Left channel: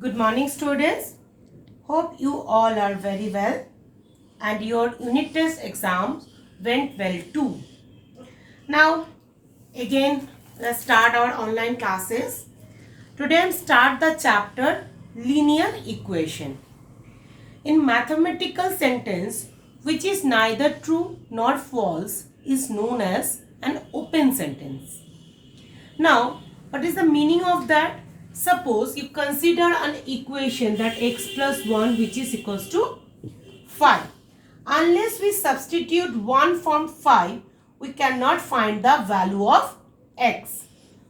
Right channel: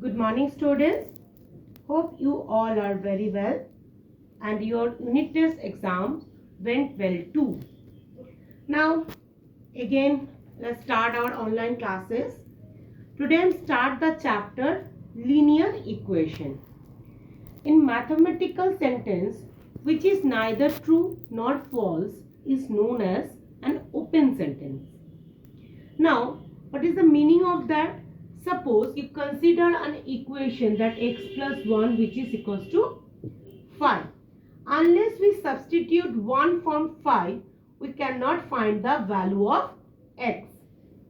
Good morning, students. Hope you all are very well and your unit test exams went well too. Now, again, let's start our online classes. Today, I'm start the chapter linear equation. In mathematical sentence, which is neither true nor false, is known as an open sentence. Now, what is the meaning of that? Suppose you consider an equation that x plus 1 which is equals to 5. Unless we substitute 1 from 5, we cannot find the value of x.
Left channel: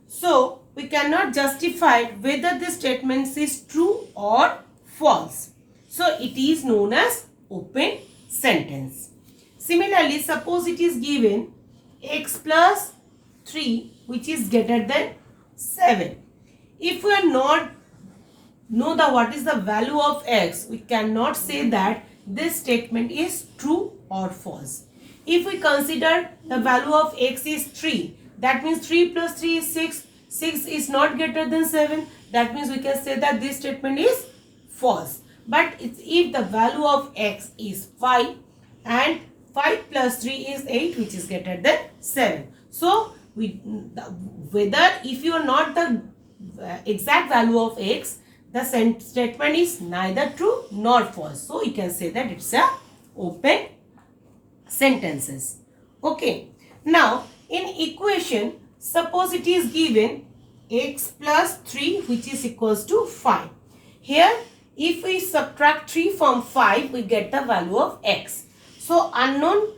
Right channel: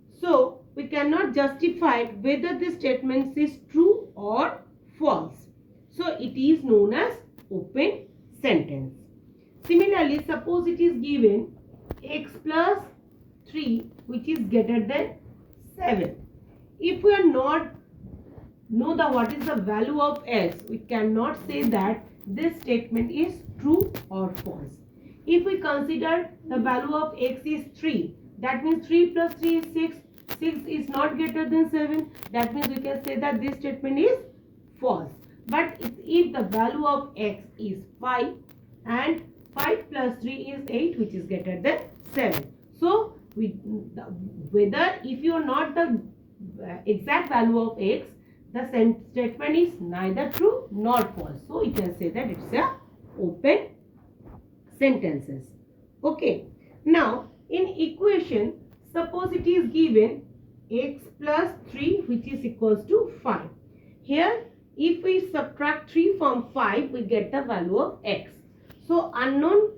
So, we cannot justify whether this statement is true or false. So, it is known as open sentence. Similarly, suppose it is given x plus 3 which is greater than 7. If we are not know what is the value of x, we cannot say that this statement is true or false. If we consider the value of x is 3, that means 3 plus 3 is 6. 6 is not greater than 7. That means we can say that this statement is false. But if the value of x is 5 and 5 plus 3 is 8 which is greater than 7. So, whether if you are not the exact value of x, the statement is neither true nor false. So, you can say that it's a open sentences. Okay. Now, in equation, suppose it is given x plus 3 which is equals to 5. Here, if we subtract 3 from 5, we get the value of x. So, unknown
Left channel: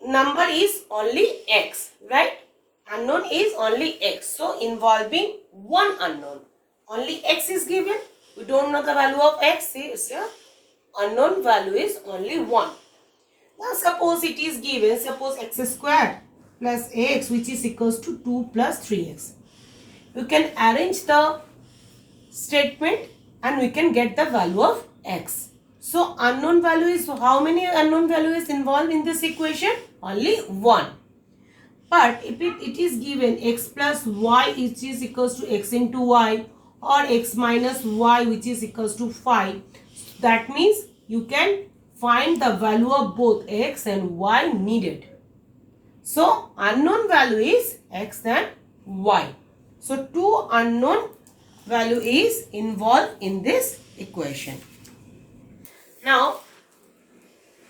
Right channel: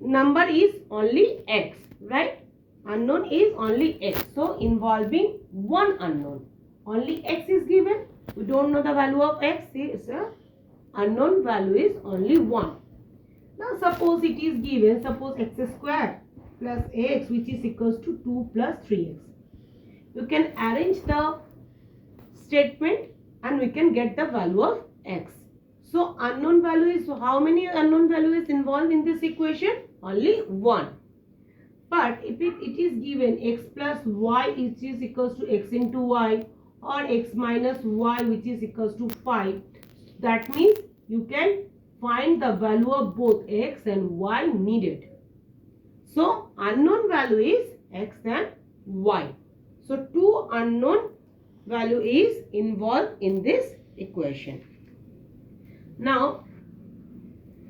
number is only x, right? Unknown is only x. So, involving one unknown. Only x is given. We don't know the value of x. It's a unknown value is only 1. Now, suppose it is given, suppose x squared plus x which is equals to 2 plus 3x. You can arrange the statement and we can get the value of x. So, unknown value is, how many unknown value is involved in this equation? Only 1. But if it is given x plus y which is equals to x into y or x minus y which is equals to 5, that means you can find the value of both x and y needed. So, unknown value is x and y. So, two unknown value is involved in this equation. Now,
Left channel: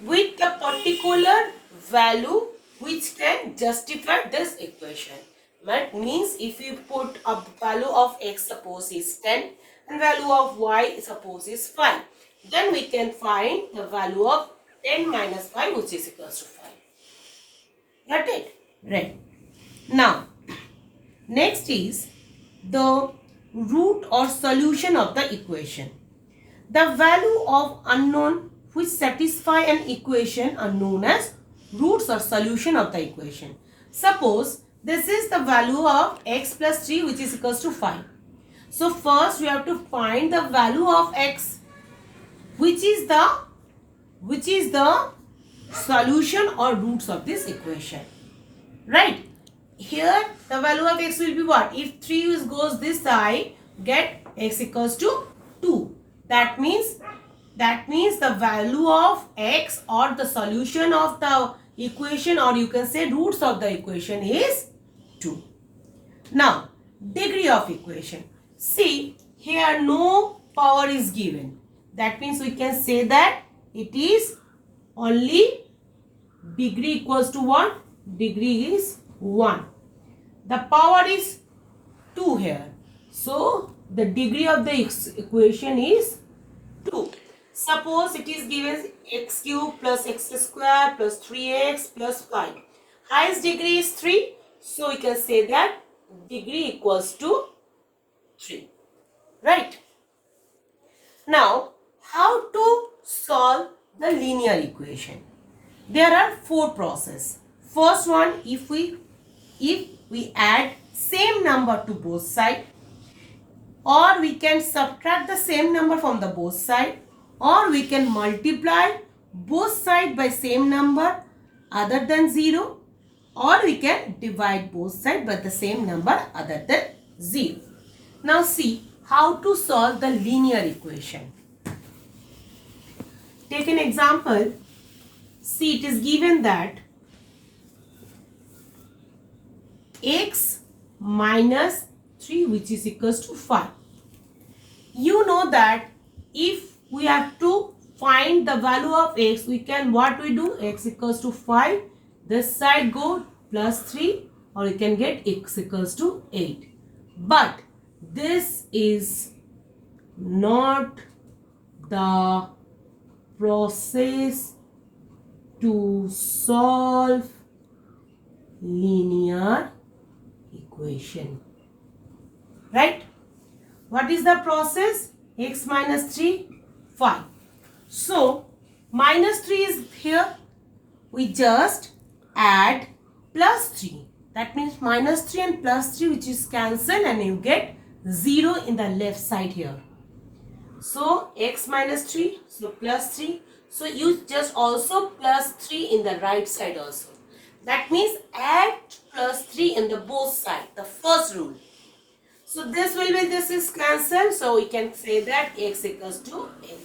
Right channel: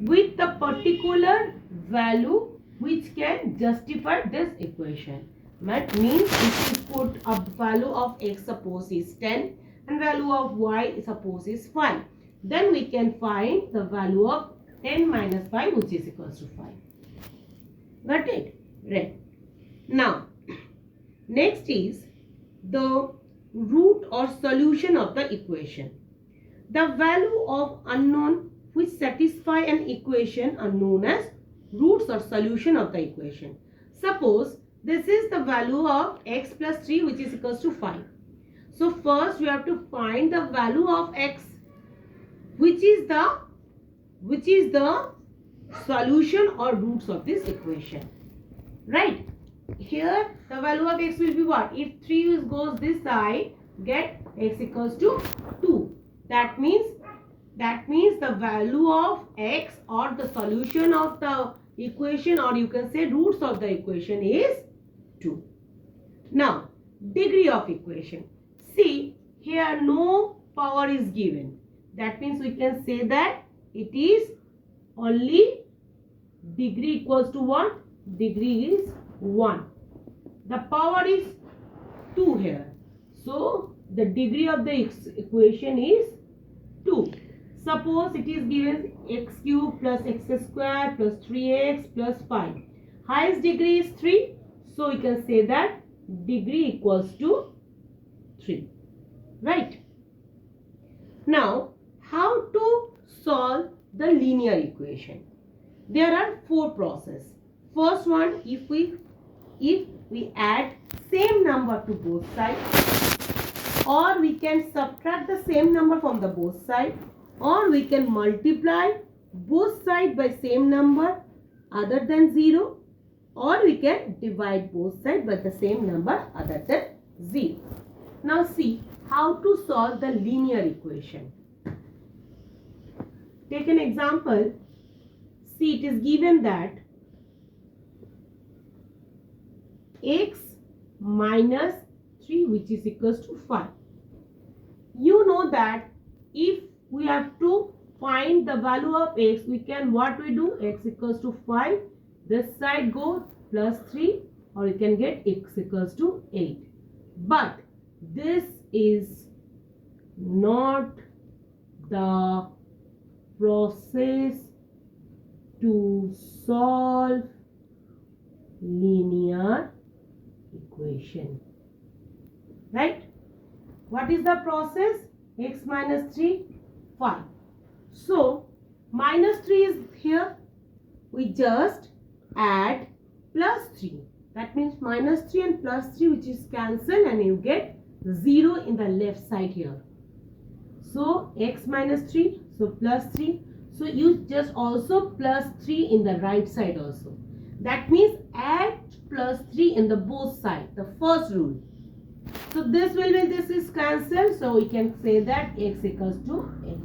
with the particular value which can justify this equation. That means if we put a value of x suppose is 10 and value of y suppose is 5. Then we can find the value of 10 minus 5 which is equals to 5. Got it? Right. Now, next is the root or solution of the equation. The value of unknown which satisfy an equation are known as roots or solution of the equation. Suppose this is the value of x plus 3 which is equals to 5. So first we have to find the value of x which is the solution or roots of this equation. Right? Here the value of x will be what? If 3 goes this side, get x equals to 2. That means the value of x or the solution of the equation, or you can say roots of the equation, is 2. Now, degree of equation. See, here no power is given. That means we can say that it is only degree equals to 1. Degree is 1. The power is 2 here. So, the degree of the equation is 2. Suppose it is given x cube plus x square plus 3x plus 5. Highest degree is 3. So, we can say that degree equals to 3. Right? Now, how to solve the linear equation? There are 4 processes. First one, if we add same number to both sides, or we can subtract the same number from the both sides, or we can multiply both sides by same number other than 0, or we can divide both sides by the same number other than 0. Now see how to solve the linear equation. Take an example. See, it is given that x minus 3 which is equals to 5. You know that if we have to find the value of x, we can what we do, x equals to 5, this side go plus 3, or you can get x equals to 8. But this is not the process to solve linear equation, right? What is the process? X minus 3, 5. So minus 3 is here, we just add plus 3. That means minus 3 and plus 3 which is cancelled, and you get 0 in the left side here. So x minus 3, so plus 3. So you just also plus 3 in the right side also. That means add plus 3 in the both sides, the first rule. So this is cancelled. So we can say that x equals to 8.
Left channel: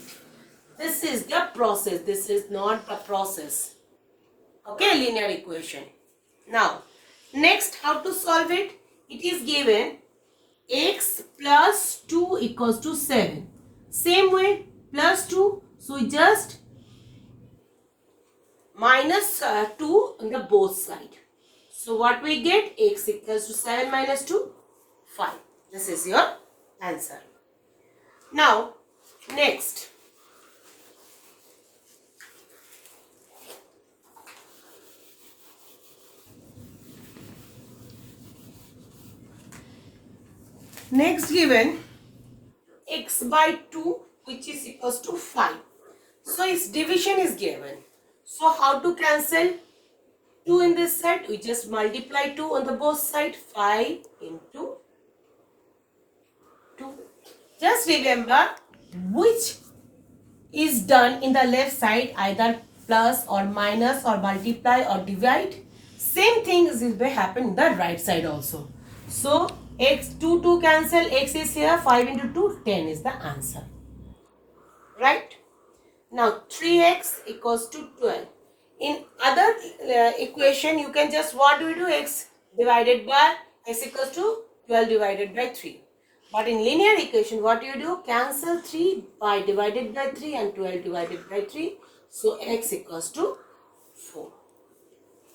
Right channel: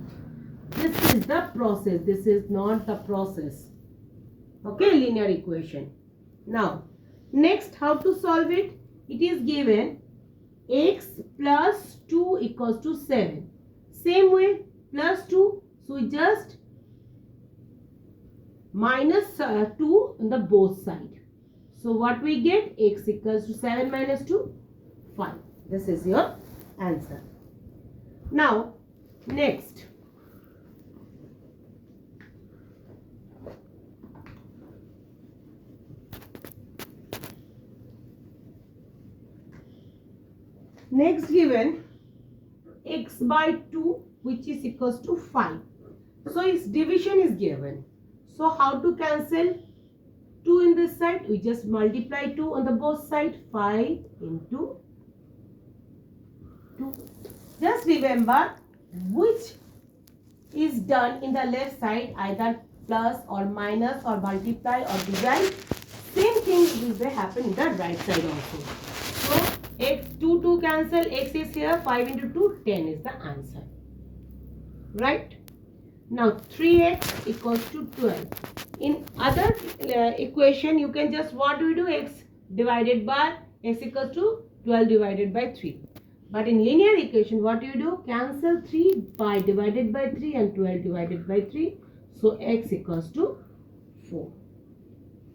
This is the process. This is not the process. Okay, linear equation. Now, next, how to solve it? It is given x plus 2 equals to 7. Same way, plus 2. So we just minus 2 on the both side. So what we get? X equals to 7 minus 2, 5. This is your answer. Now, next. Next given x by 2 which is equals to 5. So its division is given. So how to cancel 2 in this side? We just multiply 2 on the both side. 5 into 2. Just remember which is done in the left side, either plus or minus or multiply or divide. Same thing will happen in the right side also. So x 2 cancel, x is here, 5 into 2, 10 is the answer. Right? Now 3x equals to 12. In other equation, you can just what do we do? X divided by x equals to 12 divided by 3. But in linear equation, what you do? Cancel 3 by divided by 3 and 12 divided by 3. So x equals to 4.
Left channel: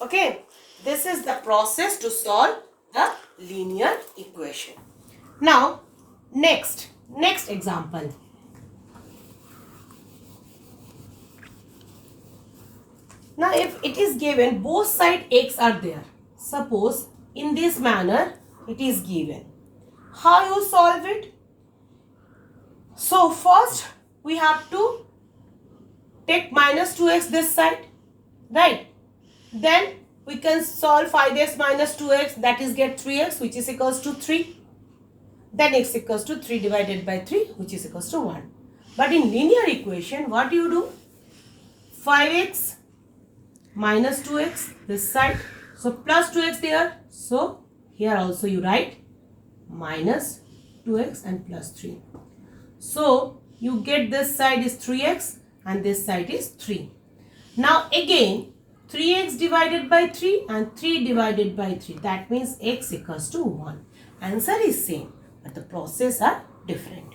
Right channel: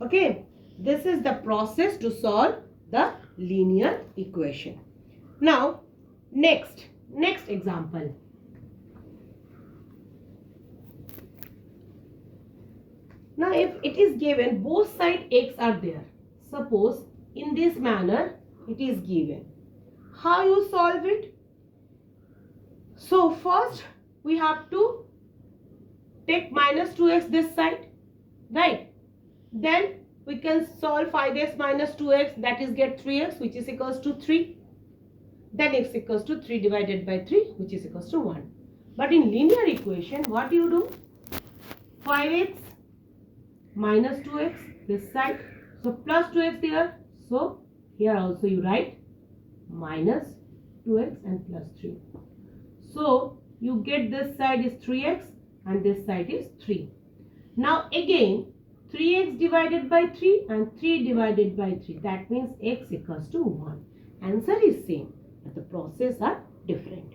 Okay. This is the process to solve the linear equation. Now, next example. Now, if it is given both side x are there, suppose in this manner it is given. How you solve it? So, first we have to take minus 2x this side, right? Then we can solve 5x minus 2x, that is get 3x which is equals to 3. Then x equals to 3 divided by 3 which is equals to 1. But in linear equation, what you do? 5x minus 2x this side. So plus 2x there. So here also you write minus 2x and plus 3. So you get this side is 3x and this side is 3. Now again 3x divided by 3 and 3 divided by 3. That means x equals to 1. Answer is same, but the process are different.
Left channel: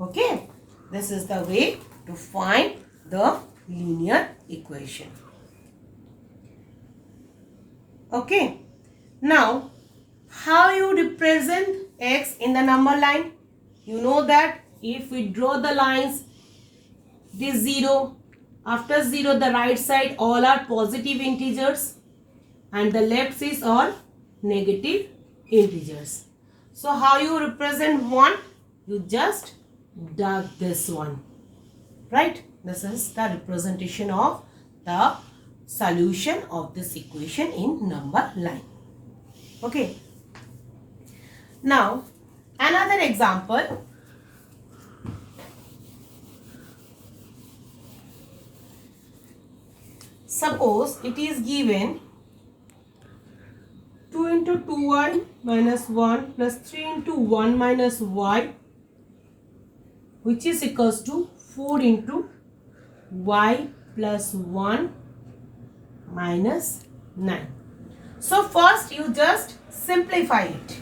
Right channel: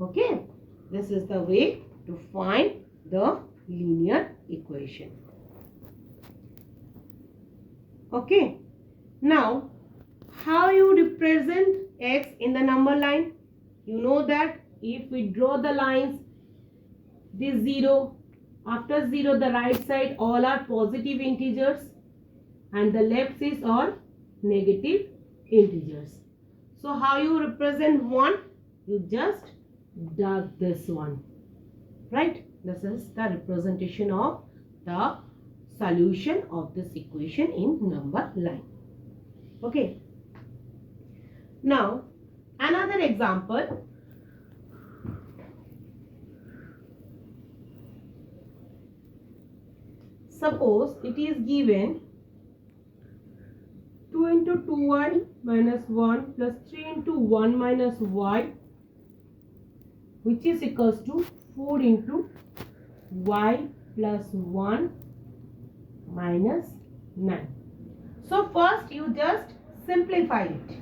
Okay. This is the way to find the linear equation. Okay. Now, how you represent x in the number line? You know that if we draw the lines, this 0. After 0, the right side all are positive integers and the left is all negative integers. So how you represent 1? You just dug this one, right? This is the representation of the solution of this equation in number line. Okay. Now, another example. Suppose it is given 2 2 into 2y minus 1 plus 3 into 1 minus y, which is equals to 4 into y plus 1 minus 9. So first you just simplify it.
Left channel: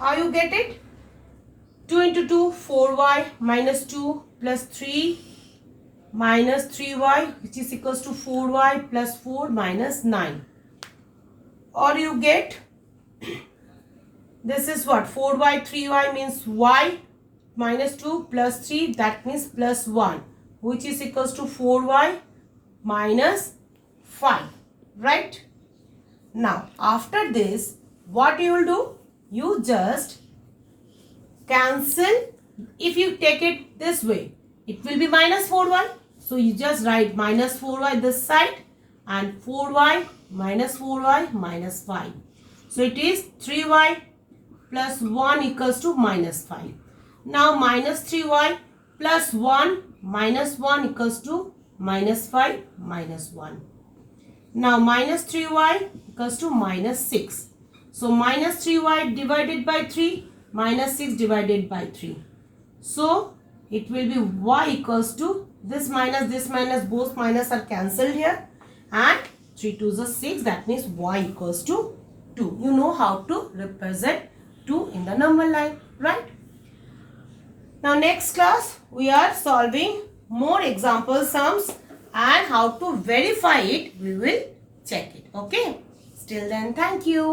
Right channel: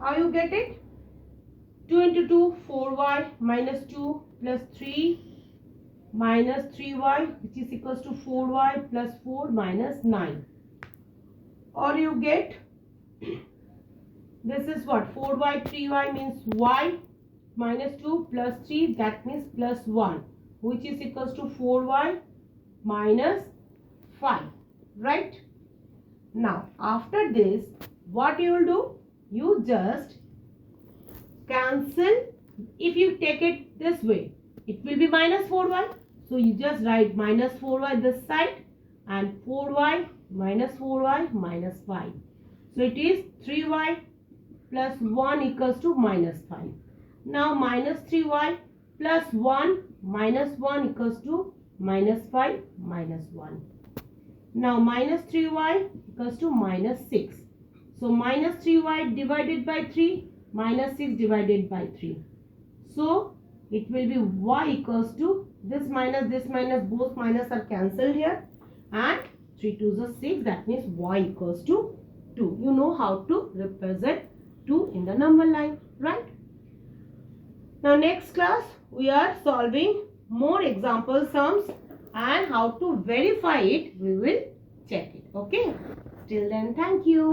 How you get it? 2 into 2, 4y minus 2 plus 3 minus 3y, which is equals to 4y plus 4 minus 9. Or you get, this is what? 4y, 3y means y minus 2 plus 3, that means plus 1, which is equals to 4y minus 5, right? Now, after this, what you will do? You just cancel. If you take it this way, it will be minus 4y. So, you just write minus 4y this side and 4y minus 5. So, it is 3y plus 1 equals to minus 5. Now, minus 3y plus 1 minus 1 equals to minus 5 minus 1. Now, minus 3y equals to minus 6. So, minus 3y divided by 3 minus 6 divided by 3. So, it will be y equals to this minus, both minus are cancelled here, and 3 2s are 6, that means y equals to 2. You know how to represent 2 in the number line, right? Now next class we are solving more example sums, and how to verify it we will check it. Okay, till then, thank you.